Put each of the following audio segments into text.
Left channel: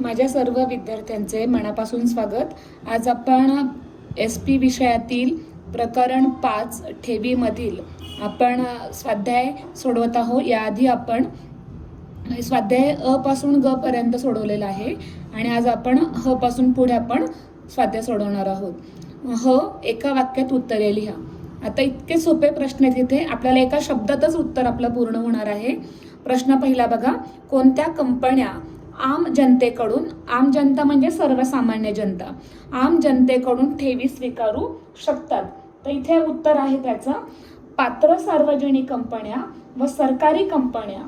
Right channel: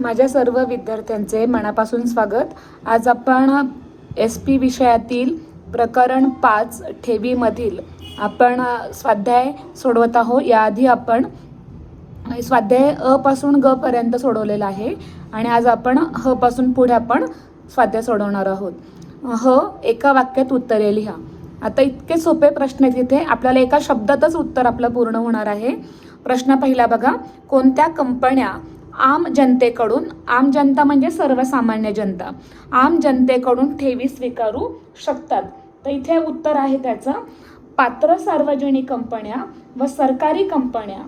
माझ्या सर्व विद्यार्थ्यांचे मनापासून स्वागत। आज आपण SP विषयातील प्रकरण 5 ठेवीमधील आपण स्वाध्याय सोडवत आहोत। याआधी आपण स्वाध्याय अ पासून ग पर्यंत सोडवलेला आहे आणि आज आपण ह पासून पुढे आपण स्वाध्याय सोडवणार आहोत। ह एका वाक्यात उत्तरे लिहा। आता इतके सोपे प्रश्न आहेत इथे, आपल्याला एका शब्दातच उत्तर आपलं पूर्ण होणार आहे। प्रश्न पहिला बघा, कोणत्या कंपन्या आम जनतेकडून, आम जनता म्हणजे सर्वसामान्य जनता, आम जनतेकडून ठेवी स्वीकारू शकतात? तर इथे उत्तर आहे त्याचं, पात्र सार्वजनिक कंपन्या व सरकारी कंपन्या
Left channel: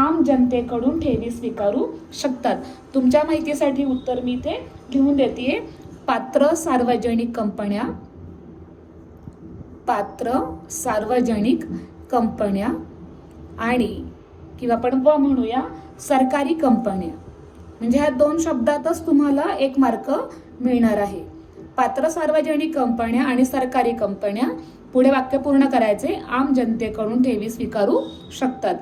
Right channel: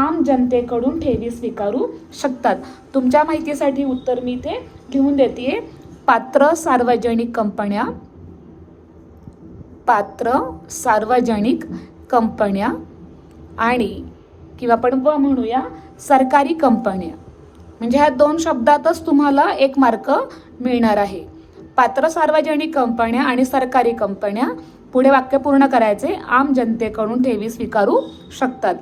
आम जनतेकडून ठेवी स्वीकारू शकतात। तुमच्या माहितीसाठी उत्तर मी इथे लिहून देते, पात्र सार्वजनिक कंपन्या, पात्र सार्वजनिक कंपन्या आणि किंवा आपण व म्हणूया सरकारी कंपन्या, म्हणजे ह्या दोन शब्दातच तुम्हाला 1 मार्क मिळणार आहे। पात्र सार्वजनिक कंपन्या आणि सरकारी कंपन्या, पुढे वाक्य पूर्ण करायचे, आम जनतेकडून ठेवी स्वीकारू शकतात।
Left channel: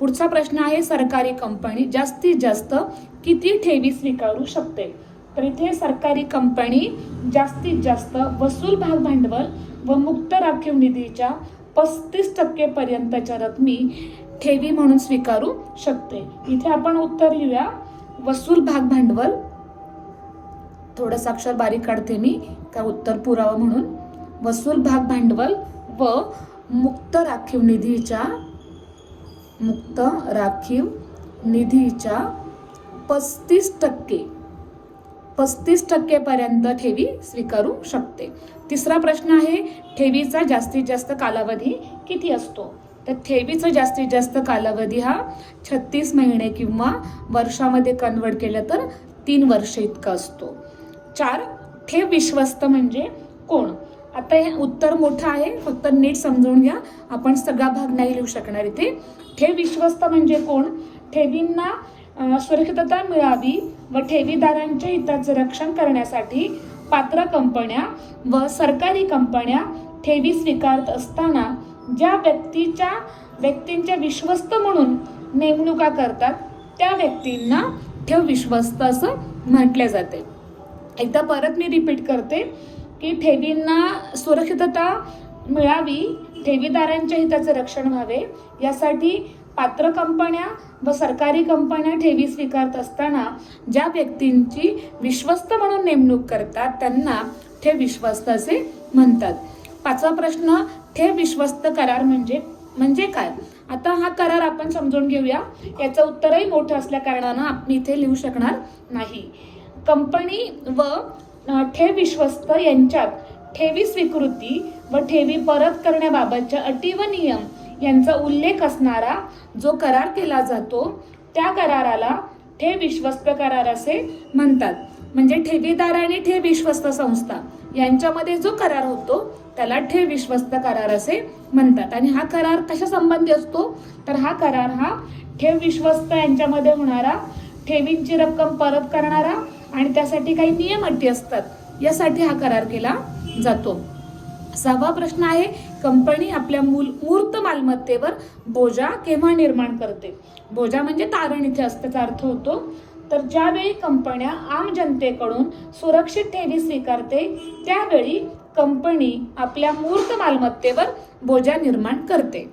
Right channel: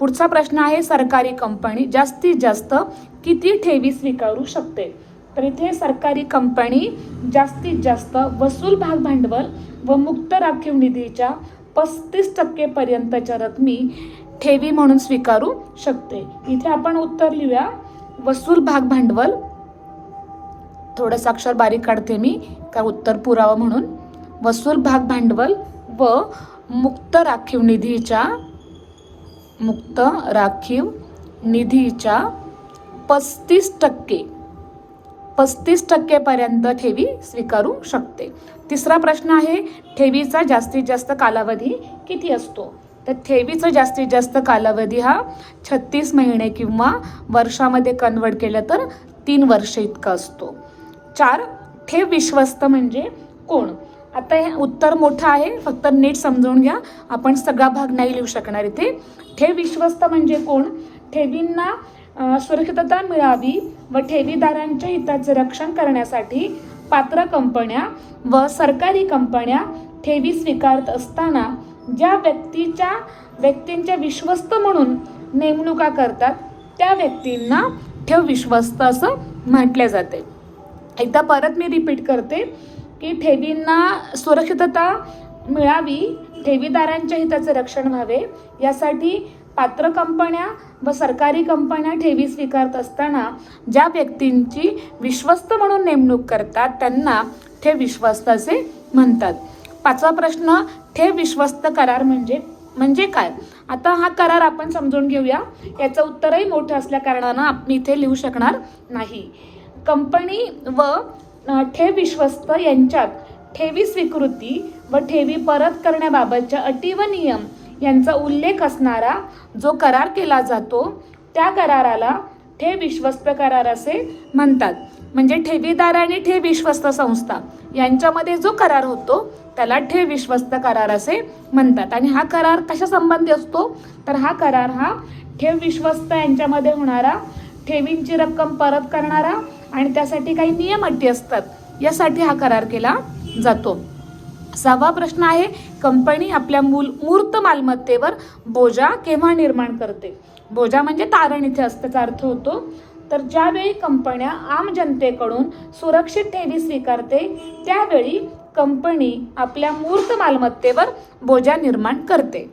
पुढचा प्रश्न आहे, सरकारी कंपनी जास्तीत जास्त किती ठेवी स्वीकारू शकते? तर इथे सरकारी कंपनी जास्तीत जास्त वसूल भाग भांडवल व मुक्त राखीव निधीच्या 35% पर्यंतच्या रकमी ठेवी म्हणून स्वीकारू शकते। इथे आपण उत्तर लिहूया, वसूल भाग भांडवल, थोडंसं अक्षर बारीक काढते मी का उत्तर पुरावा म्हणून, वसूल भाग भांडवल व मुक्त राखीव निधीच्या 35% पर्यंत ठेवी स्वीकारू शकते। तिसरा प्रश्न आहे, ठेवीचा जास्तीत जास्त कालावधी किती असतो? तर ठेवीचा जास्तीत जास्त कालावधी हा 36 महिने किंवा वर्षामध्ये कन्वर्ट केलं तर 3 वर्ष इतका असतो। 4, ठेव विश्वस्त म्हणजे कोण? आता हे उत्तर मोठं आहे, फक्त नीट समजून घ्या, आपण सगळा भाग नाही लिहू शकणार इथे। ठेव विश्वस्त म्हणजे कोण? ठेवींना सुरक्षितता मिळावी व ठेवीदारांच्या हिताचे रक्षण करण्यासाठी पात्र कंपन्या व सरकारी कंपन्या ठेवी स्वीकारत असताना ज्या व्यक्तींचे विश्वस्त म्हणून नेमणुका करतात त्या व्यक्तींना ठेव विश्वस्त असं म्हटले जाते। एकदा परत मी रिपीट करते की ठेवींना सुरक्षितता मिळावी, ठेवीदारांच्या हिताचे रक्षण व्हावे यासाठी पात्र कंपन्या व सरकारी कंपन्या ठेवी स्वीकारत असताना ज्या व्यक्तींची विश्वस्त म्हणून नेमणूक करतात त्यांना ठेव विश्वस्त असे म्हणतात। 5वा प्रश्न, ठेव विश्वस्त करार म्हणजे काय? आता हा करार आपण समजून घेऊया, याचं उत्तरही मोठं असल्या कारणानं आपण इथे लिहू शकणार नाही। कंपनी व ठेव विश्वस्त यांच्यात ठेवी स्वीकृती व ठेवी परत करण्याबाबतच्या अटी व नियम यांचा उल्लेख असणारा जो करार केला जातो त्या कराराला ठेव विश्वस्त करार असे म्हणतात। म्हणजे ठेवीदार आणि ठेव विश्वस्त संस्था यांच्यामध्ये जो करार होतो त्याला ठेव विश्वस्त करार असे म्हणतात। आणि हा करार कशा संबंधी असतो? तर हा करार हा ठेव विश्वस्त यांच्यामध्ये होणारा ठेवींची रक्कम परत करणारा आणि त्यासाठी काही नियम अटी असतात यासाठी हा करार केला जातो। 6वा प्रश्न आहे, कंपनी आपल्या मूर्त मालमत्तेवर बोजा केव्हा निर्माण करते? बोजा म्हणजे तारण इथे असल्याचा अर्थ होतो। तर ज्यावेळी कंपन्या आम जनतेकडून सुरक्षित ठेवी स्वीकारते त्यावेळी कंपनी आपल्या मूर्त मालमत्तेवर बोजा निर्माण करते।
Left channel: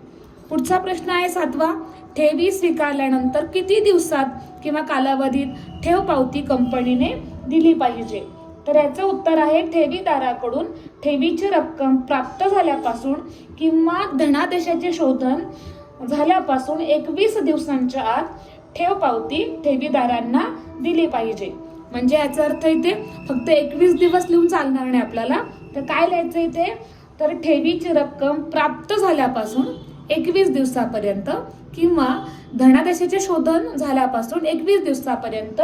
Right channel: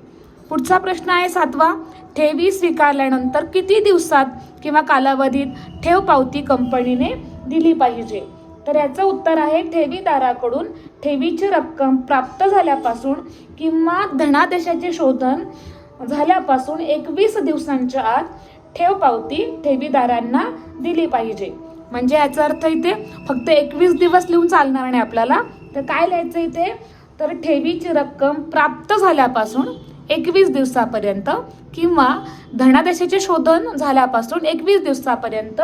पुढचा प्रश्न आहे 7वा, ठेवी स्वीकारल्यानंतर किती दिवसात किंवा कालावधीत ठेव पावती कंपनीने दिली पाहिजे? तर याचं उत्तर आहे, ठेवीदाराकडून ठेवीची रक्कम प्राप्त झाल्यापासून किंवा धनादेशाचे शोधन झाल्यापासून 21 दिवसांच्या आत ठेव पावती ठेवीदारांना दिली पाहिजे। म्हणजे याचा अर्थ इथे फक्त 21 दिवस लिहून चालणार नाही आपल्याला, तर काय लिहायचं इथे? तर ठेवीची रक्कम प्राप्त झाल्यापासून 21 दिवसापर्यंत किंवा धनादेशाचे शोधन झाल्यापासून 21 दिवसापर्यंत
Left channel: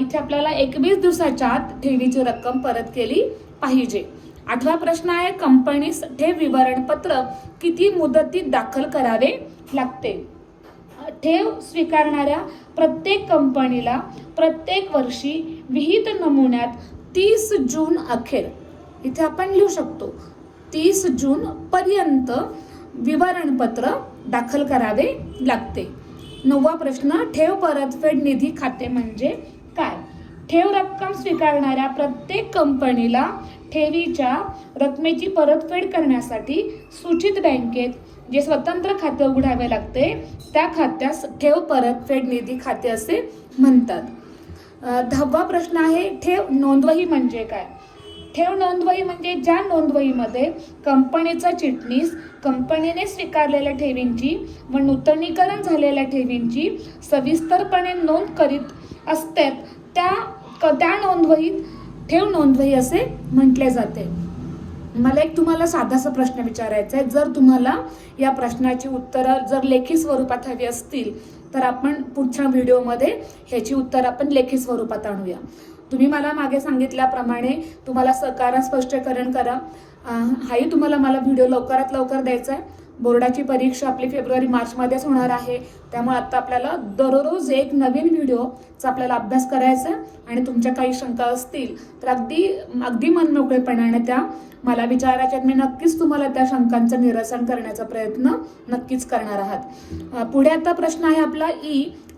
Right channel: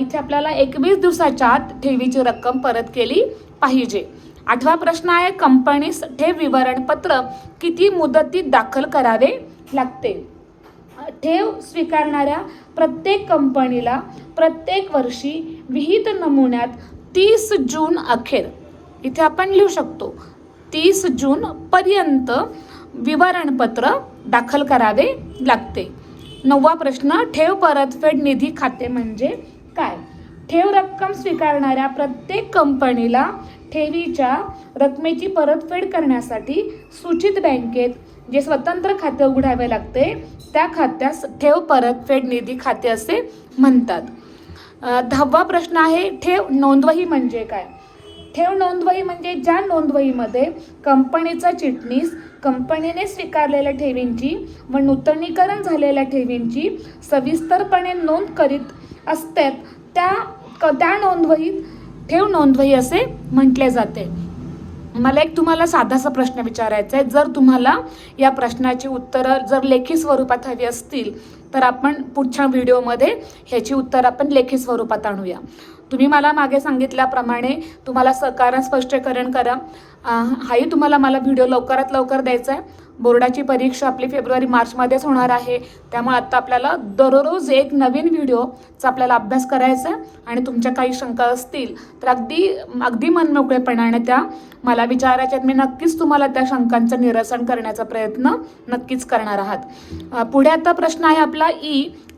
इथे आपल्याला 21 दिवसाच्या आत ठेवीची रक्कम परत केली पाहिजे। 8वा प्रश्न आहे, कंपनीस ठेव विवरणपत्र किती मुदतीत दाखल करावे लागते? ठेव स्वीकारणाऱ्या प्रत्येक कंपनीला प्रत्येक वर्षी विहित नमुन्यात 30 जून अखेर, इथे आपण लिहू शकतो 30 जून पर्यंत विवरणपत्र दाखल करावे लागते। 9वा प्रश्न, ठेव परतफेड निधी खाते म्हणजे काय? ठेव रक्कम स्वीकारणाऱ्या प्रत्येक कंपनीला ठेवीच्या रकमेची परतफेड करण्यासाठी सूचित बँकेत जे स्वतंत्र खाते उघडावे लागते त्या खात्यास ठेव परतफेड निधी खाते असे म्हणतात. 10वा प्रश्न आहे, ठेव नोंदवही म्हणजे काय? ठेव नोंदवही म्हणजे ज्या नोंदवहीमध्ये कंपनीचा चिटणीस कंपनीने स्वीकारलेल्या ठेवींची व नूतनीकरण झालेल्या ठेवींची सविस्तरपणे नोंद करीत असते त्या नोंदवहीत ठेव नोंदवही असे म्हटले जाते. मला एक तुम्हाला साधासा प्रश्न विचारायचा आहे. जर तुम्हाला या प्रश्नाची उत्तरं जर लेखी स्वरूपात हवी असतील तर आपण पुढच्या व्हिडिओमध्ये ह्याची उत्तर आपण लेखी स्वरूपात आणूया. तुम्ही मला मागे सांगितल्याप्रमाणे तुम्हाला सहकार्य स्पष्टीकरण करा. हाही तुम्हाला मला व्हिडिओ लवकरात लवकर द्यायचा आहे. बोर्डाची परीक्षा आपली फेब्रुवारी-मार्च मध्येच होणार आहे. त्यामुळे आता आपल्याला दररोज एक नवीन व्हिडिओचा आपल्याला अभ्यास करायचा आहे. आणि तुमच्या काही शंका असतील तर अगदी मनमोकळेपणाने त्या मला विचारायच्या. मी नक्कीच तुम्हाला त्या शंकांचं निरसन करण्याचा प्रयत्न नक्कीच करणार आहात. पुढे आता प्रश्न आहे आपला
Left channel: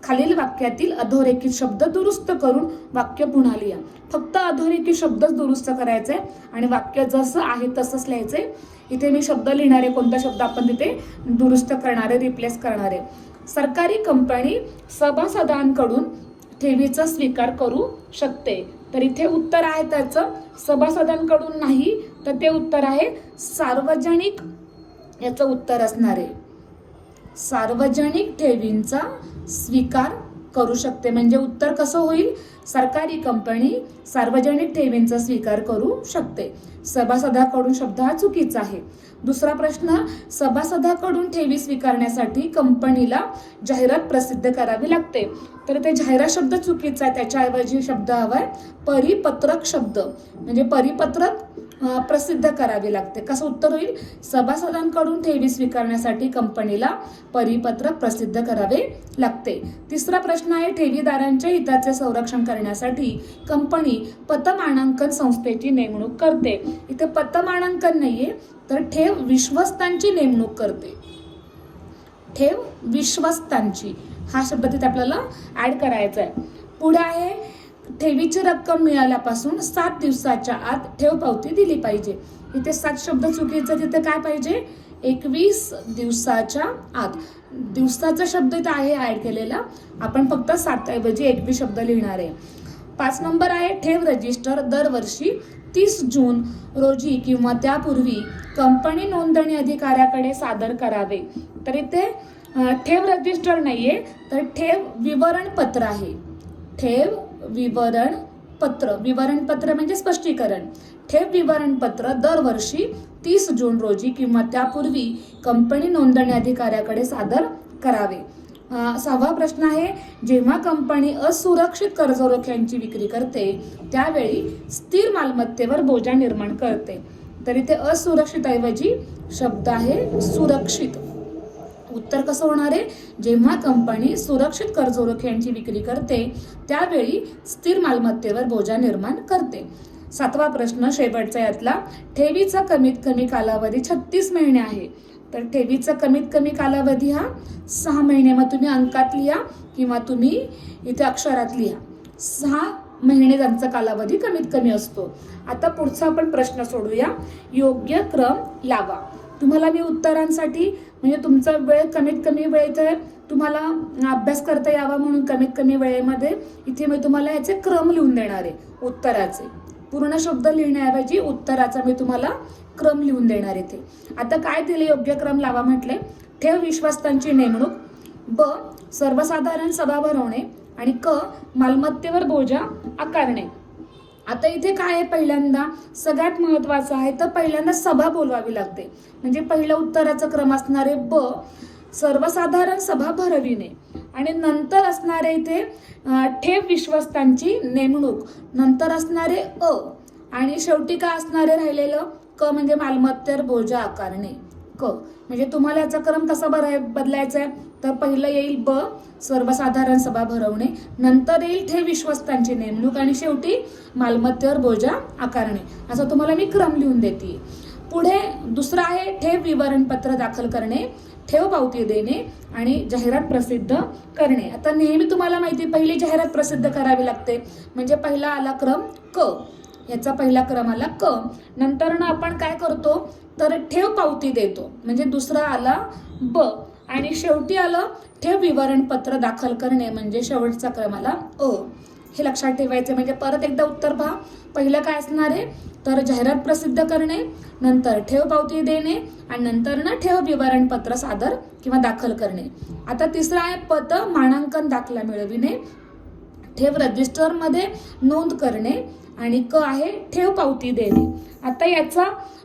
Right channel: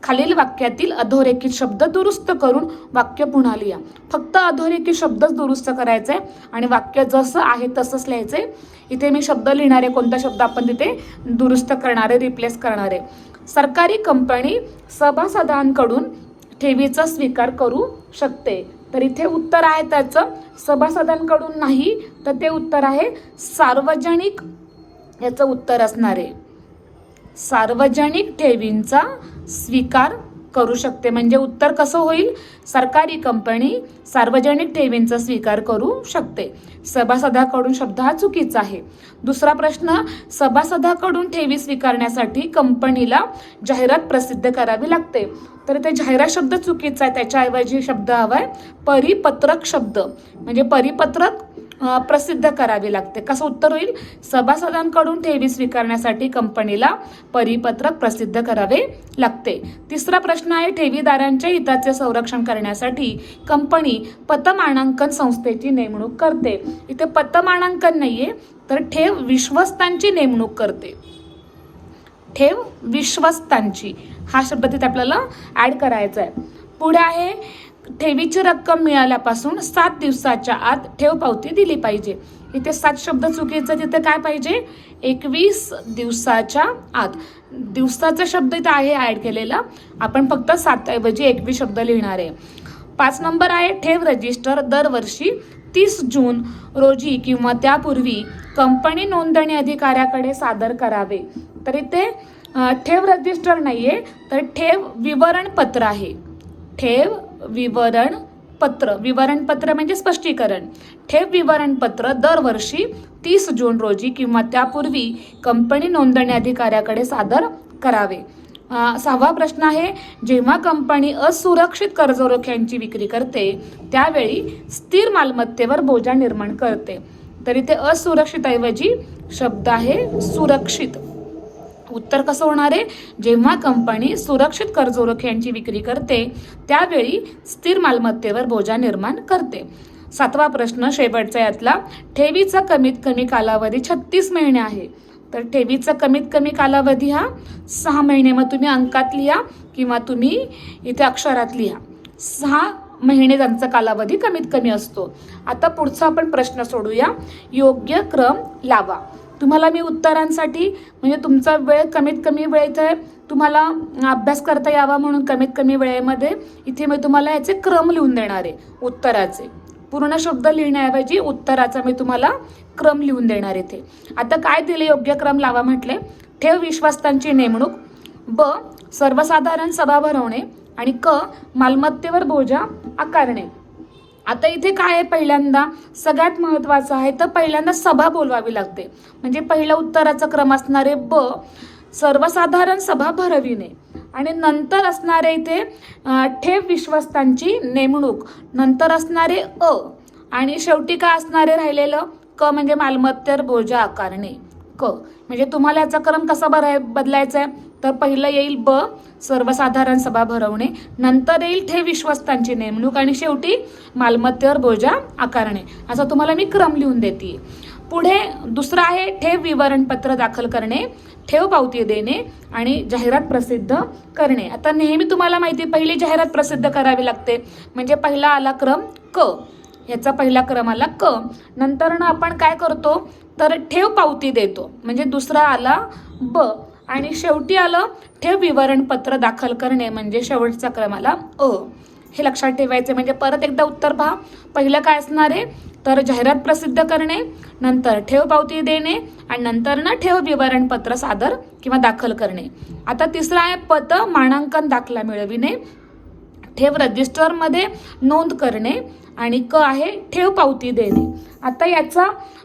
खालील वाक्यातील अधोरेखित शब्द दुरुस्त करून वाक्य पुन्हा लिहा. फक्त अधोरेखित शब्दच दुरुस्त करायचे आणि वाक्य जसं आहे तसंच लिहायचे. इथे मी शब्द लिहिणारे, कोणता शब्द आपण तिथे दुरुस्त करणारे, रिप्लेस करणारे. सरकारी कंपनी सभासदांकडून ठेवीचा स्वीकार करू शकते. तर इथे उत्तर आहे त्याचं सभासदांकडून नाही, तर ते उत्तर आहे सार्वजनिक. याचं उत्तर असणार आहे सार्वजनिक ठेवींचा स्वीकार करू शकते. म्हणजे उत्तर कसं होईल? सरकारी कंपनी सार्वजनिक ठेवींचा स्वीकार करू शकते. सभासदाकडून शब्द हा चुकीचा आहे. दुसरा प्रश्न, सभासदाकडून ठेवी स्वीकारण्यासाठी कंपनीला जाहिरात प्रसिद्ध करावी लागते. तर ते जाहिरात शब्द चुकीचा आहे. त्याच्याऐवजी शब्द हवाय परिपत्रक शब्द. म्हणजे परिपत्रक प्रसिद्ध करावी लागते. कसं उत्तर होईल? सभासदांकडून ठेवी स्वीकारण्यासाठी कंपनीला परिपत्रक प्रसिद्ध करावे लागते. तिसरा प्रश्न आहे, ठेवीदारांच्या हिताचे संरक्षण करण्यासाठी कंपनी पतमानांकन संस्थेची नेमणूक करते. इथे पतमानांकन नाहीये, तर ठेव विश्वस्तांची नेमणूक करते. ठेव विश्वस्तांची हा शब्द तिथे आपल्याला ऍड करायचा आहे. पुढे आहे, ठेवीची रक्कम मिळाल्यापासून 7 दिवसाच्या आत ठेव पावती दिली पाहिजे. इथे 7 शब्द चुकीचा, तिथे काय पाहिजे? 21 दिवसाच्या आत. दिवसाचा शब्द इथे आहे ऍड केलेला. आपण फक्त 7 ऐवजी 21 शब्द लिहिणार आहे. 5 नंबर आहे, ठेव रजिस्टर दरवर्षी 30 जून रोजी किंवा त्यापूर्वी कंपनी नोंदणी अधिकाऱ्याकडे सादर करावे. तर इथे ठेव रजिस्टर नाहीये, तर ठेव विवरणपत्र आहे. ठेव विवरणपत्र. विवरणपत्र म्हणजे स्पष्टीकरण. ठेव विवरणपत्र दरवर्षी 30 जून रोजी किंवा त्यापूर्वी कंपनी नोंदणी अधिकाऱ्याकडे सादर करावे. 6वा प्रश्न आहे, जेव्हा कंपनी असुरक्षित कर्जरोख्यांची विक्री करते त्यावेळी स्थिर मालमत्तेवर बोजा निर्माण करते. तर इथे असुरक्षित ऐवजी शब्द आहे सुरक्षित. उत्तर कसं होणार आहे? जेव्हा कंपनी सुरक्षित कर्जरोख्यांची विक्री करते त्यावेळी स्थिर मालमत्तेवर बोजा निर्माण करते. 7वा प्रश्न शेवटचा यातला, ठेवीचा कमीत कमी कालावधी 36 महिने आहे. तर ठेवीचा कमीत कमी कालावधी हा 6 महिने. मग तुम्ही अंकात लिहा किंवा तुम्ही इथे अक्षरात लिहा. 6 महिने त्यांचा कालावधी कमीत कमी असतो. आता पुढचा आपण प्रश्न सोडूया. योग्य क्रम लावा. तुम्हाला मी उत्तरांसाठी म्हणजे तुमचा वेळ कमीत कमी वेळेत तुम्हाला अभ्यास करता यावा म्हणून कमीत कमी वेळेमध्ये इथे मी तुम्हाला याचे क्रम लिहून देणार आहे. उत्तराचे पूर्ण शब्द लिहिण्याऐवजी उत्तराचा मी तुम्हाला क्रम लिहून देणार इथे. आता काय दिले? योग्य क्रम लावा म्हटले. ठेव विश्वस्तांची नेमणूक, ब सर्वसाधारण सभा भरवणे आणि क मालमत्तेवर बोजा आकारणे. आता इथे काय आहे? पहिल्यांदा सगळ्यात महत्वाचं आहे तर पहिल्यांदा सभा बोलवावी लागते. म्हणजे पहिला उत्तराचा क्रम असणारे ब सर्वसाधारण सभा भरविणे आणि नंतर असणारे इथे ठेव विश्वस्तांची नेमणूक, नंतर असणारे अ आणि शेवटी काय असणारे राहिलेलं क म्हणजे मालमत्तेवर बोजा आकारणे. क म्हणजे तुम्हाला याचा क्रम कसा बदलायचा आहे? तर पहिलं येईल ब सर्वसाधारण सभा भरवणे, नंतर येईल ठेव विश्वस्तांची नेमणूक आणि शेवटी मालमत्तेवर बोजा आकारणे. असा तुम्हाला मी क्रम लिहून देते. पुढे दुसरा आहे ठेव विवरणपत्र दाखल करणे. ठेव पावती देणे आणि जाहिरात प्रसिद्ध करणे. आता नेहमी तुम्हाला माहिती पहिली जाहिरात प्रसिद्ध करावी लागते, म्हणजे पहिला आला क्रम क, याचा पहिला क्रम आला क. नंतर ना आपण काय करतो तर ठेव पावती देतो, म्हणजे दुसरा आला ब, आणि शेवटी आलं ठेव विवरणपत्र दाखल करणे, म्हणजे शेवटचा क्रम आला अ. हे लक्षात ठेवायचे. म्हणजे परत एकदा उत्तर पहा. पहिलं काय असणार आहे तर जाहिरात प्रसिद्ध करणे, नंतर ठेव पावती देणे आणि नंतर ना ठेव विवरणपत्र सादर किंवा दाखल करणे. आता तिसरा आहे पत मानांकन दाखला मिळविणे, ठेव रजिस्टरमध्ये नोंद करणे आणि क आहे ठेव पावती देणे. आता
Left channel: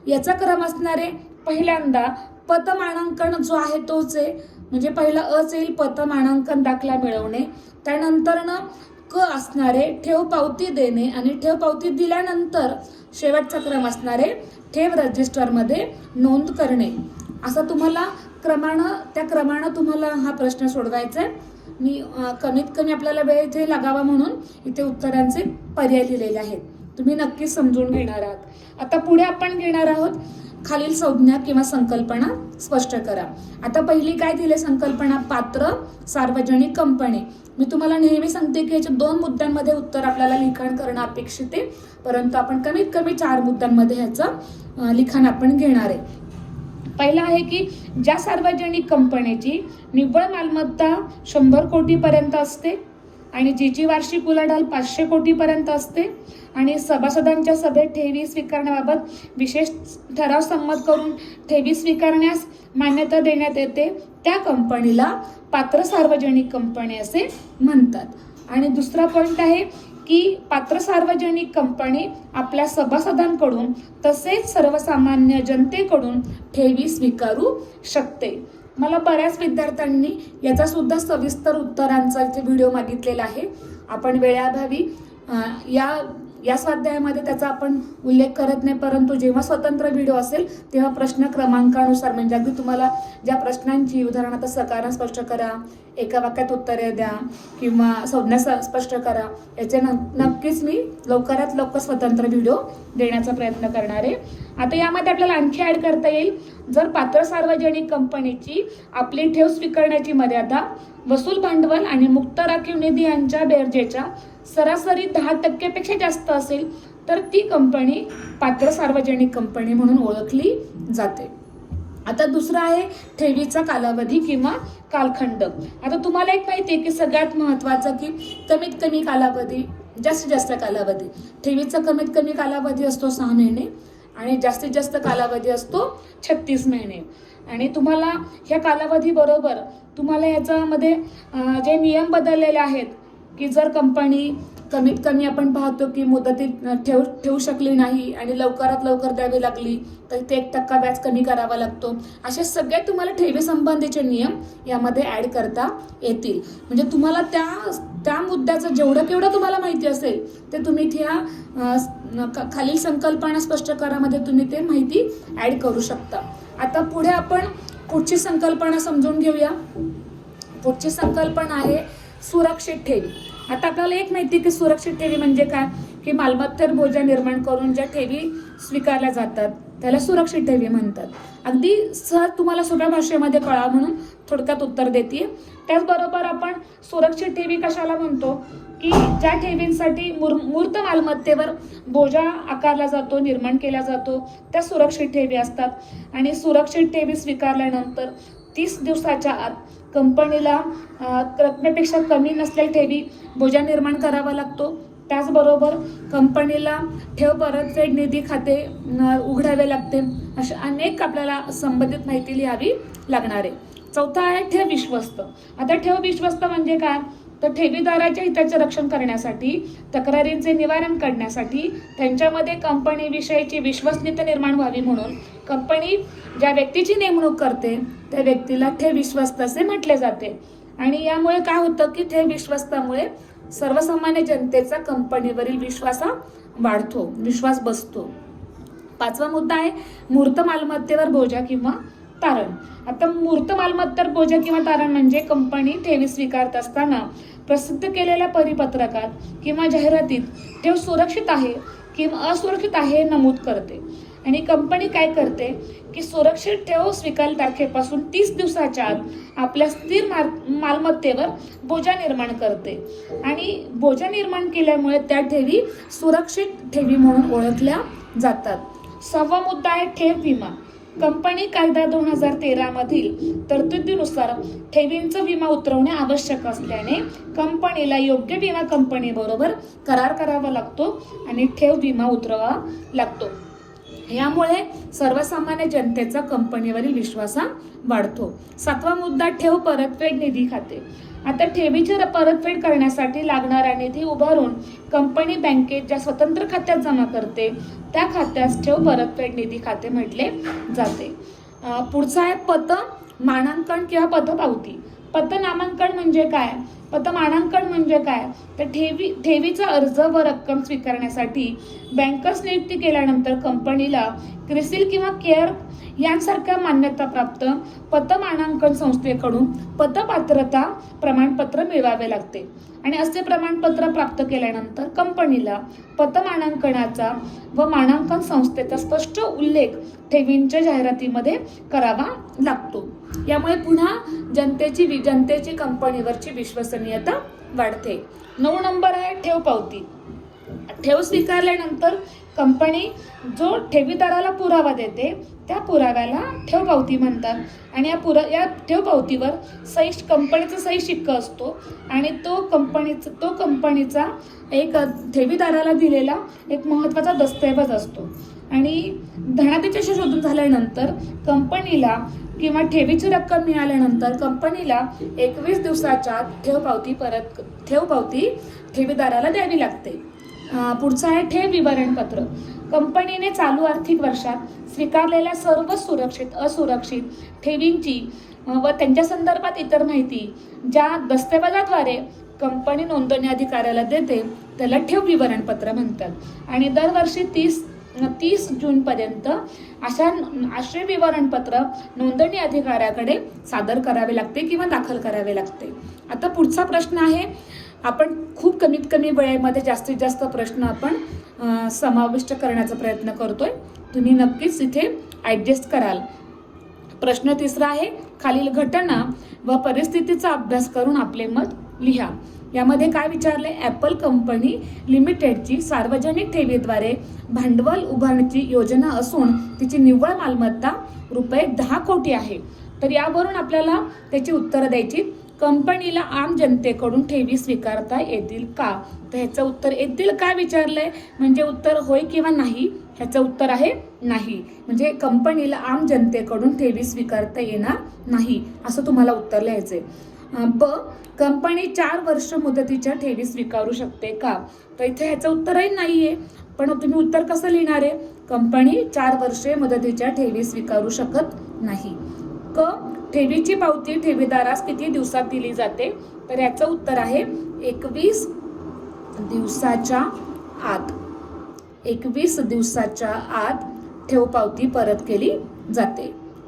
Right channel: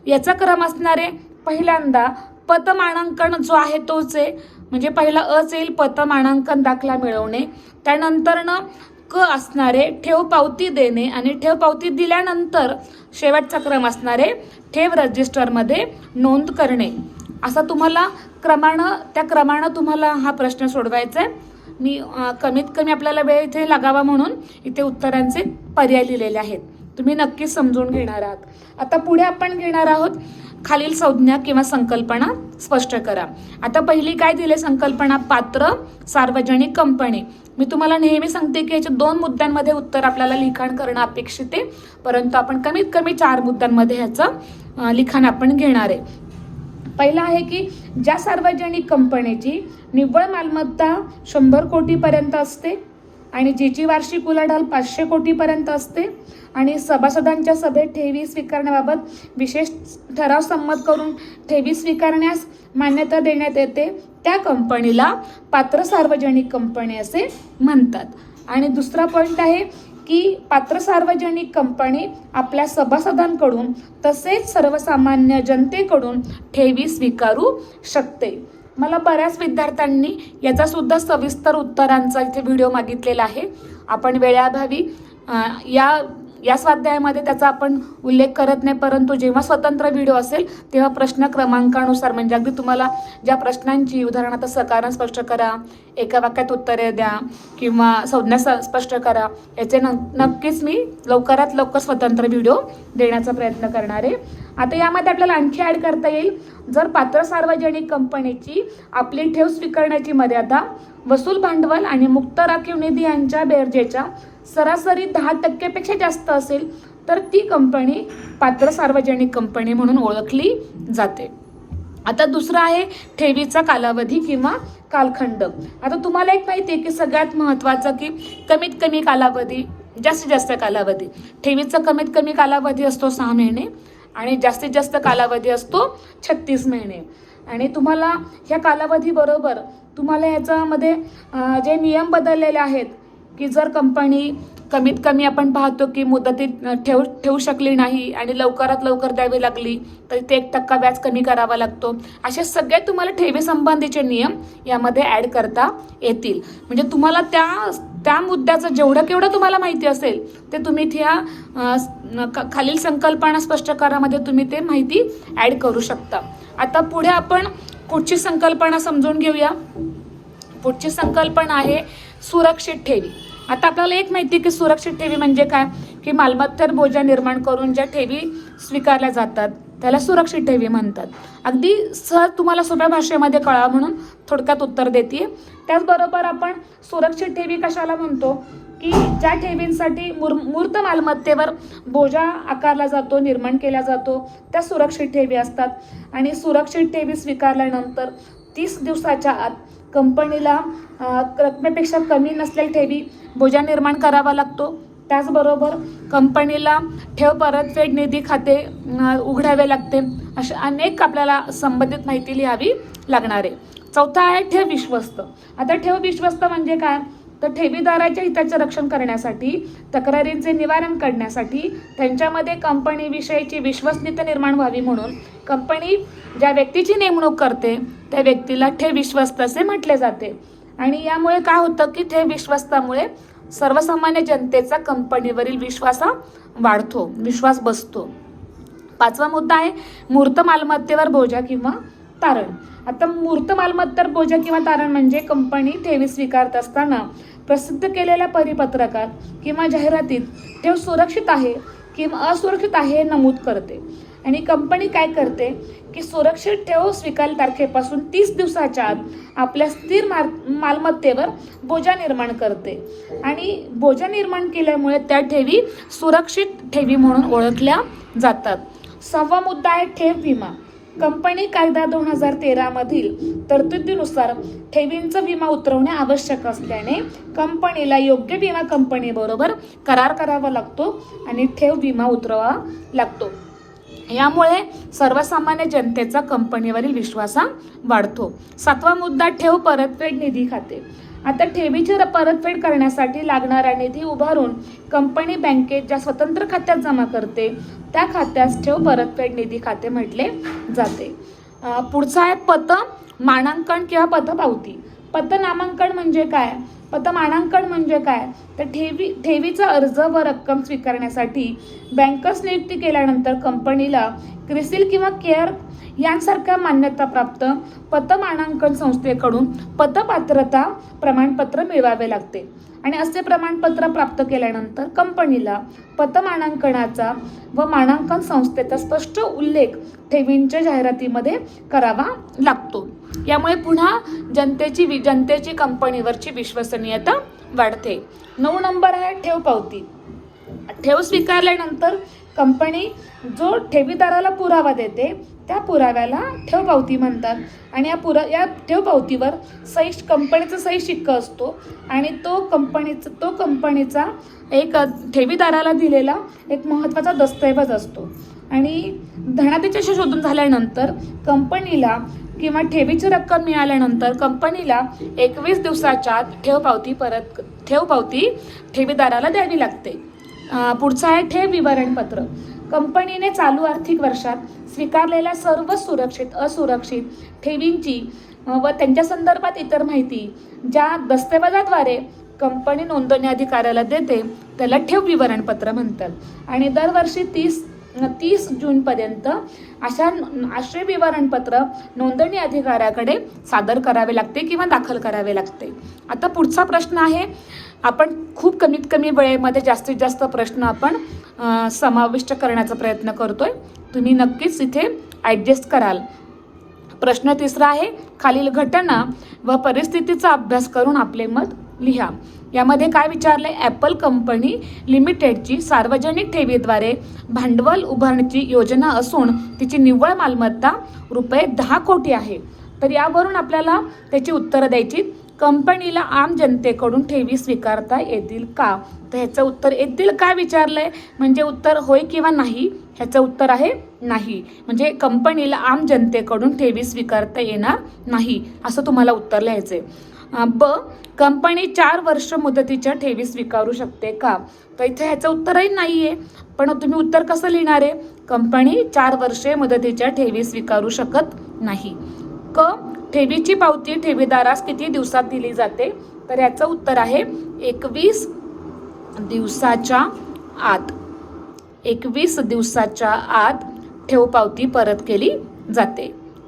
याचा क्रम असणार आहे पहिल्यांदा पत मानांकन जो आहे तोच आहे, म्हणजे पहिला अच येईल पत मानांकन दाखला मिळवणे, त्यानंतर ना क असणारे ठेव पावती देणे आणि ठेव पावती दिल्यानंतर शेवटचा क्रम असणारे ठेव रजिस्टरमध्ये नोंद करणे. असा तुम्हाला त्या क्रमानं तुम्हाला हा प्रश्न सोडवायचा आहे. मी कमीत कमी आपल्याला वेळ इथे लागावा म्हणून इथे उत्तरांचे पर्याय लिहिलेले आहेत, तुम्ही नक्कीच समजून घेणार आहात. आता पुढे आपण घेणार आहोत खालील संज्ञा किंवा संकल्पना स्पष्ट करा. आता पहिली काय दिले संकल्पना पात्र सार्वजनिक कंपनी. मी तुम्हाला नेहमी सांगते की याच्या 2 मुद्द्यांमध्ये उत्तर आपल्याला लिखाण करणं अपेक्षित आहे, परंतु आपण कमीत कमी 4 मुद्द्यांमध्ये ह्याचं लिखाण आपण घेणार आहे. पहिला आहे की ज्या सार्वजनिक कंपनीची निव्वळ मालमत्ता 100 कोटीपर्यंत असते आणि जिची वार्षिक उलाढाल 500 कोटीपर्यंत असते आणि सभासदांच्या सभेत ठेवी स्वीकारण्याबाबत विशेष ठराव संमत करून ठेवी स्वीकारण्यास मान्यता देण्यात येते, त्या कंपनीला पात्र सार्वजनिक कंपनी असे म्हणतात. आणि दुसरा पॉइंट आहे की पात्र सार्वजनिक कंपनी आपल्या सभासदांकडून तसेच सर्वसामान्य जनतेकडून ठेवी स्वीकारू शकते. मला बऱ्याच विद्यार्थ्यांनी याचा सुद्धा सविस्तर उत्तरांचा इथे व्हिडिओ मागितलेला आहे. आपण वेळाभावी या स्वाध्यायामध्ये त्याचा आपण उल्लेख करत नाही, परंतु जेव्हा स्वतंत्र व्हिडिओ असेल तेव्हा प्रश्न क्रमांकानुसार, म्हणजे अगदी तुम्हाला ज्या प्रश्नांची उदाहरणार्थ सकारण स्पष्ट करा, एका वाक्यात उत्तरे द्या किंवा संज्ञा स्पष्ट करा, याचे नक्कीच मी लवकरात लवकर स्वतंत्र व्हिडिओ देण्याचा प्रयत्न करणार आहे. आता यामध्ये आपल्याला आणखी ऍड करता येईल, जर पात्र सार्वजनिक कंपनीची आपली ठेव स्वीकारण्याची मर्यादा वसूल भांडवल आणि मुक्त राखीव निधी यांच्या बेरजेच्या सरासरी 10% पेक्षा जास्त असेल तर ती कंपनी पात्र सार्वजनिक कंपनी म्हणून ओळखली जाते. आता दुसरा आहे ठेवीचा कालावधी किंवा कालखंड. आता तुम्हाला एक माहिती आहे की सगळ्यात महत्वाचं की कमीत कमी कालावधी, जास्तीत जास्त कालावधी. ठेवीचा कमीत कमी कालावधी असतो 6 महिने आणि जास्तीत जास्त कालावधी असतो 36 महिने. आणि तुम्हाला ह्या कालावधी बरोबर तुम्हाला ह्याच्यामध्ये जे नियम बदललेले आहेत की जर कंपनी कमीत कमी आपण पाहतो की मुदतीत ठेवू शकली नाही आणि लवकरात लवकर द्यावी लागली तर ते 1% व्याज कमी करावा लागतो. असे सगळे तुम्हाला ठेवी संबंधीचे नियम यामध्ये ऍड करता येतील. म्हणजे तुम्हाला त्या मुद्द्याचं जेवढं केवढं तुम्हाला माहिती असेल ते तुम्ही खालील संकल्पना स्पष्ट करामध्ये तुम्ही ते माहिती ऍड करू शकता. आता पुढे आपण पुढची संकल्पना समजून घेऊया. पुढची संकल्पना आहे सुरक्षित ठेवी. आता आपल्याला एक माहिती की सुरक्षित ठेवी म्हणजे काय की मालमत्तेवर बोजा निर्माण करून ज्या ठेवी स्वीकारल्या जातात त्याला सुरक्षित ठेवी म्हणतात. अगदी सहज तुम्हाला सोप्या भाषेमध्ये कळावं म्हणून थोडक्यात उत्तर देते. त्याचबरोबर आपण सुरक्षित ठेवी कशाला म्हणतो की ज्या ठेवींसाठी मूर्त मालमत्तेवर बोजा आकारला जातो, निर्माण केला जातो, त्या सुरक्षित ठेवी असतात. आणि सुरक्षित ठेवी स्वीकारल्यानंतर 30 दिवसाच्या आत कंपनीला रकमेपेक्षा कमी नसलेल्या ठेवी बोजा निर्माण करावा लागतो. त्याचबरोबर कंपनीला ठेव परतफेड निधी खाते उघडावे लागते. अशा अनेक आपल्याला संबंधित माहिती लिहावी लागणार आहे. चौथा आहे ठेव विश्वस्त. आता ठेव विश्वस्त म्हणजे काय तर ठेवीदाराच्या हिताचे रक्षण करण्यासाठी, तक्रारींचे निवारण करण्यासाठी, त्यांच्यामध्ये कंपनीविषयीची विश्वसनीयता निर्माण व्हावी म्हणून कंपनी ज्या व्यक्तीची नेमणूक करते त्या व्यक्तीला ठेव विश्वस्त असे म्हटले जाते. आणि यामुळे काय होतं की ठेव विश्वस्तामुळे सर्वसामान्य जनतेचा कंपनीवरील विश्वास वाढतो, विश्वास बसतो. 5वा मुद्दा आहे मूर्त मालमत्तेवर बोजा किंवा तारण. आता मूर्त मालमत्तेवर बोजा किंवा तारण म्हणजे कंपनी ठेवी स्वीकारत असताना प्रसिद्ध केलेल्या परिपत्रकात किंवा जाहिरातीत ठेव सुरक्षित आहे किंवा असुरक्षित आहे नमूद करते. आणि कंपनी काय करते की सुरक्षित ठेव स्वीकार तारखेपासून 30 दिवसाच्या आत आपल्या स्थिर मालमत्तेवर बोजा निर्माण करते आणि बोजा निर्माण केल्यामुळे त्या ठेवी सुरक्षित ठेवी म्हणून ओळखल्या जातात। 6वा मुद्दा आहे ठेव विमा। कंपनी कायदा 2013 मधील तरतुदीनुसार ठेवींचा विमा उतरवणे आवश्यक असल्याने कंपनीला योग्य विमा कंपनी बरोबर करार करावा लागतो आणि ठेव विमा उतरवावा लागतो। यामुळे सर्वसामान्य जनतेचा कंपनीवरील विश्वास वाढतो। 7वा मुद्दा ठेव परतफेड निधी खाते। आता ठेवीची परतफेड करण्यासाठी लागणारा निधी उभारून कंपनी बँकेत ज्या स्वतंत्र खात्यात जमा करते त्या खात्यास ठेव परतफेड निधी खाते म्हटले जाते। पुढचा आहे पत मानांकन किंवा पतपावती। पतनामांकन म्हणजे काय, पतमानांकन म्हणजे काय, तर ठेवीचा अर्ज व रक्कम स्वीकारण्यासाठी बँकर्स नियुक्ती केल्यानंतर कंपनीला क्रिसिल किंवा केअर यांसारख्या मान्यताप्राप्त पतमानांकन संस्थेकडून पतपात्रता प्रमाणपत्र मिळवावे लागते आणि असे प्रमाणपत्र प्राप्त केल्यानंतर कंपनीला पतमानांकनाचा व मानांकन संस्थेचा स्पष्ट उल्लेख ठेवींच्या जाहिरातीमध्ये करावा लागतो। यामुळे पुन्हा जनतेची कंपनीवरची विश्वसनीयता वाढते। 9 नंबर आहे ठेव पावती। ठेव स्वीकारल्यानंतर कंपनी जो ठेवीदाराला पुरावा देते त्या पुराव्याला ठेव पावती म्हणतात आणि या ठेव पावतीवर कंपनीचा सही शिक्का असतो आणि तो कंपनीचा एक ठेवीदाराला दिलेला एक महत्त्वाचा दस्तऐवज असतो आणि धनादेशाची शोधून झाल्यानंतर कंपनीला किंवा ठेवीची रक्कम मिळाल्यानंतर कंपनीला 21 दिवसाच्या आत ठेव पावती ठेवीदाराला द्यावी लागते। पुढचा आहे ठेव विवरणपत्र। कंपनीने चालू आर्थिक वर्षात स्वीकारलेल्या सर्व सुरक्षित असुरक्षित ठेवींची व त्यांच्या संदर्भात इतर माहिती ज्या दस्तऐवजाद्वारे कंपनी नोंदणी अधिकाऱ्याला देते त्याला ठेव विवरणपत्र म्हणतात आणि दरवर्षी 30 जून पर्यंत असे विवरणपत्र नोंदणी अधिकाऱ्याकडे सादर करावे लागते किंवा दाखल करावे लागते। आता पुढचा प्रश्न आहे, आपण खूप कमीत कमी वेळेमध्ये जास्तीत जास्त प्रश्न आपण समाविष्ट करण्याचा प्रयत्न करतोय, तुम्ही नक्कीच इथे ऍडजस्ट कराल। प्रश्न 3रा आहे, खालील घटना व परिस्थितीचा अभ्यास करून आपले मत लिहा। यामध्ये काय विचारलंय, ॲपल कंपनी लिमिटेडची सार्वजनिक ठेवीद्वारे भांडवल उभारण्याची योजना असून तिची निव्वळ मालमत्ता रुपये 10 कोटी आहे। तर यावरून आपल्याला त्याची उत्तरं द्यायची। कंपनीला आम जनतेकडून ठेवी स्वीकारता येतील का, तर ह्याचं उत्तर येतील काय विचारलंय म्हणजे उत्तर होय किंवा नाही, ह्याचं उत्तर आहे नाही। म्हणजे कंपनीला आम जनतेकडून ठेवी स्वीकारता येणार नाही असं तुम्हाला उत्तर लिहायचंय। ब कंपनी 4 वर्ष मुदतीच्या ठेवी स्वीकारू शकते का, तर इथे ह्याचं उत्तरही नाहीये, पण तुम्ही उत्तर कसं लिहिणार आहे, कंपनी 4 वर्षे मुदतीच्या ठेवी स्वीकारू शकत नाही। क ठेवीची पावती ठेवीदारास किती दिवसात दिली जाते, तर याचं उत्तर आहे 21 दिवसाच्या आत। 21 दिवसाच्या आत ठेव पावती परत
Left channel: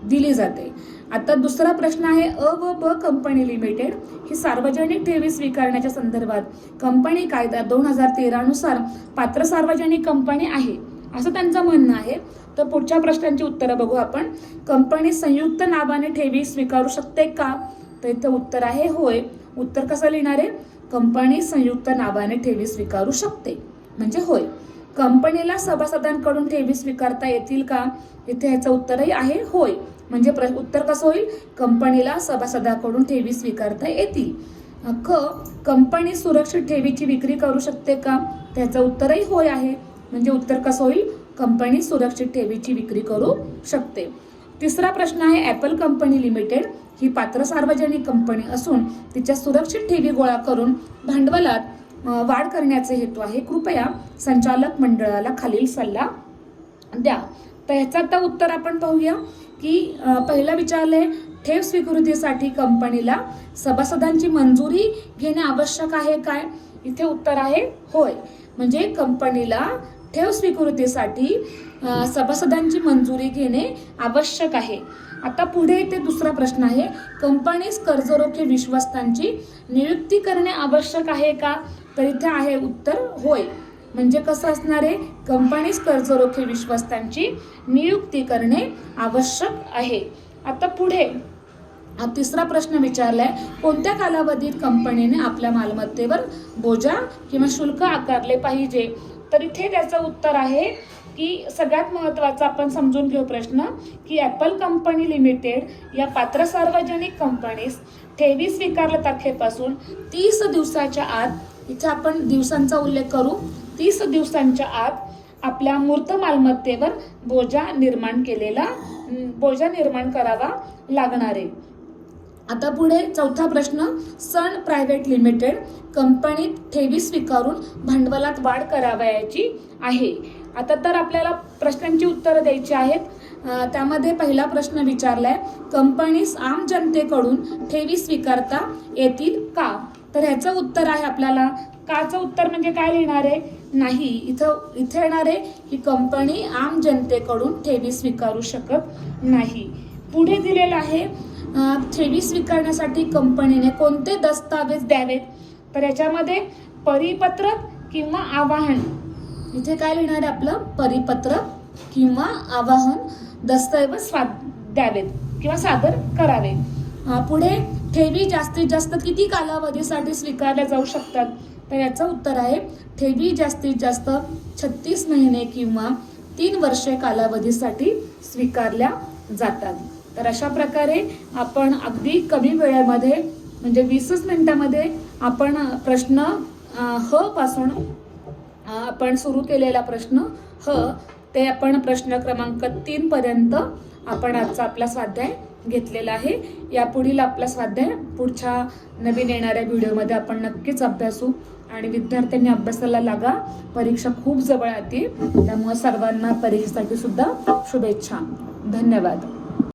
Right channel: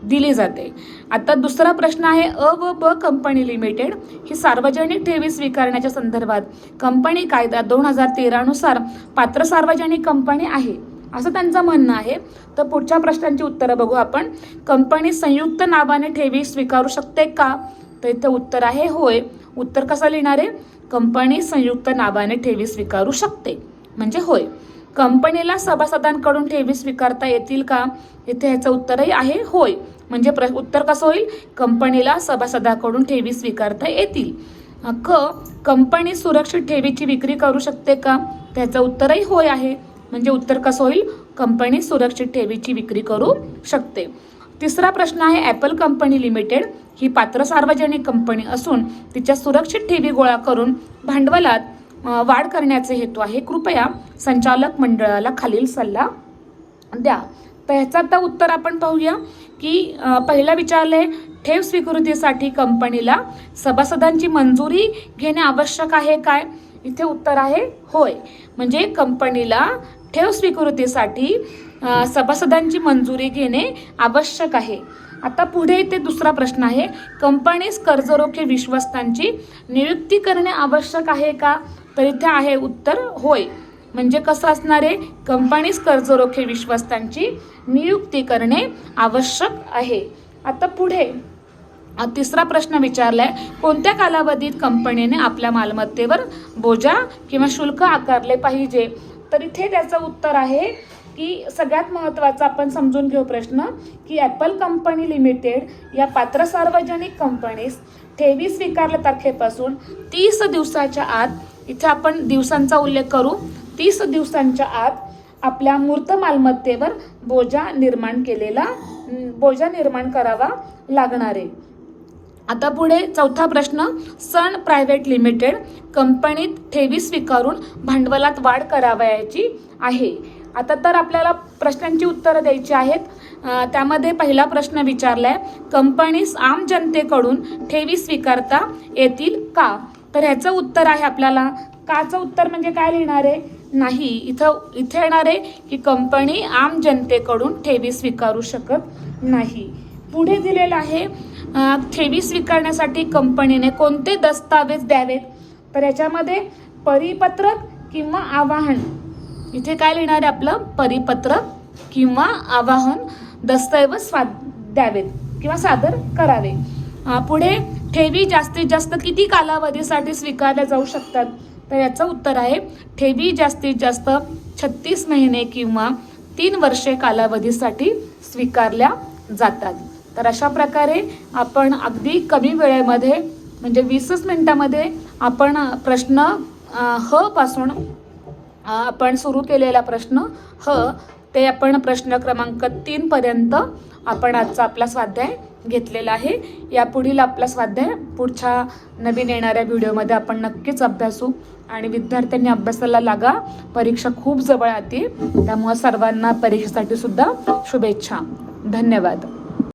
दिली जाते। आता दुसरा प्रश्न आहे, अ व ब कंपनी लिमिटेड ही सार्वजनिक ठेवी स्वीकारण्याच्या संदर्भात कंपनी कायदा 2013 नुसार पात्र सार्वजनिक कंपनी आहे असं त्यांचं म्हणणं आहे। तर पुढच्या प्रश्नांची उत्तरं बघू आपण। कंपनी संयुक्त नावाने ठेवी स्वीकारू शकते का, तर इथे उत्तर आहे होय। उत्तर कसं लिहिणार आहे, कंपनी संयुक्त नावाने ठेवी स्वीकारू शकते म्हणजे होय। कंपनीला सभासदांकडून ठेवी स्वीकारता येतील का, इथे ह्याचं उत्तरही आहे होय, म्हणजे उत्तर कसं होईल, कंपनीला सभासदांकडून ठेवी स्वीकारता येतील। क कंपनी सुरक्षित ठेवीची विक्री करू शकते का, त्याचं उत्तरही होय आहे, म्हणजे उत्तर कसं होईल, कंपनी सुरक्षित ठेवीची विक्री करू शकते। 3रा प्रश्न आहे, ॲपल कंपनी लिमिटेड ही पात्र सार्वजनिक कंपनी असून तिच्या सुरक्षित ठेवी गोळा करून भांडवलात वाढ करण्याचे हेतू आहे, कृपया संचालक मंडळाला खालील सल्ला द्या। तर ह्याचं आता उत्तर आपण पाहूया की पहिला विचारलंय, ठेव स्वीकृतीसाठी कंपनीला सभासदांची मंजुरी घेणे आवश्यक आहे काय, इथे उत्तर आहे होय, म्हणजे कंपनीला ठेव स्वीकृतीसाठी सभासदांची मंजुरी घेणे आवश्यक आहे। आता पुढे इथे दुसरा प्रश्न आहे, कंपनीस कर्जरोखे विश्वस्तांची नियुक्ती करणे आवश्यक आहे का, तर इथे आहे उत्तर होय, म्हणजे कसं असणार आहे, कंपनीस कर्जरोखे विश्वस्तांची नियुक्ती करणे आवश्यक आहे. आता पुढे तिसरा प्रश्न विचारलाय, कोणत्या कालावधीत कंपनीने आपल्या मालमत्तेवर बोजा किंवा शुल्क आकारले पाहिजे. तर इथे त्याचं उत्तर आहे की सगळ्यात महत्त्वाचा आपण समजून घेऊ प्रश्न की ॲपल कंपनी लिमिटेड या पात्र सार्वजनिक कंपनीस ठेवी स्वीकारल्या तारखेपासून 30 दिवसाच्या आत, इथे आपण दिवसांचा उल्लेख करू, 30 दिवसांच्या आत आपल्या मूर्त मालमत्तेवर बोजा निर्माण करावा लागणार आहे. आता पुढे चौथा प्रश्न, सन प्रायव्हेट लिमिटेड कंपनीत ठेवी स्वीकारून भांडवलात वाढ करावयाची आहे. आता तर आपल्याला प्रश्नांची उत्तरं द्यायची आहेत. त्यामध्ये पहिला प्रश्न विचारलाय, कंपनीस आम जनतेकडून ठेवी स्वीकारता येतील का. तर ह्याचं उत्तर आहे आपल्याला, काचं उत्तर म्हणजे काय लिहिणार आहे, नाही. इथे येणार आहे की कंपनी आम जनतेकडून ठेवी स्वीकारू शकत नाही. पुढे दिलेलं आहे, ठेवी स्वीकारण्यासाठी कंपनीने कोणते दस्तावेज द्यावेत. तर याच्यामध्ये परिपत्रक किंवा आवाहन, इथे काय लिहिणार आहे आपलं, परिपत्रक किंवा आवाहन दस्तऐवज द्यावेत किंवा सादर करावे. पुढे ठेवी जास्तीत जास्त किती कालावधीसाठी स्वीकारल्या जाऊ शकतात. तर याचं उत्तर आहे, ठेवी जास्तीत जास्त 36 महिने किंवा 3 वर्षे कालावधीसाठी स्वीकारल्या जातात. तर अशा प्रकारे आपण अगदी कमी वेळेमध्ये म्हणजे 20 मिनिटामध्ये आपण प्रश्न ह पासून आपण सुरू केलेला प्रश्न ह ते आपण प्रश्न क्रमांक 3 पर्यंत आपण आजचा आपला स्वाध्याय घेतलेला आहे. यापुढील आपला स्वाध्याय पुढच्या नवीन येणाऱ्या व्हिडिओमध्ये आपण नक्कीच अभ्यासू आणि विद्यार्थ्यांनी अभ्यासाला लागा. परीक्षा खूप जवळ आली, त्यामुळे सर्वांना परीक्षेसाठी सुद्धा शुभेच्छा. धन्यवाद.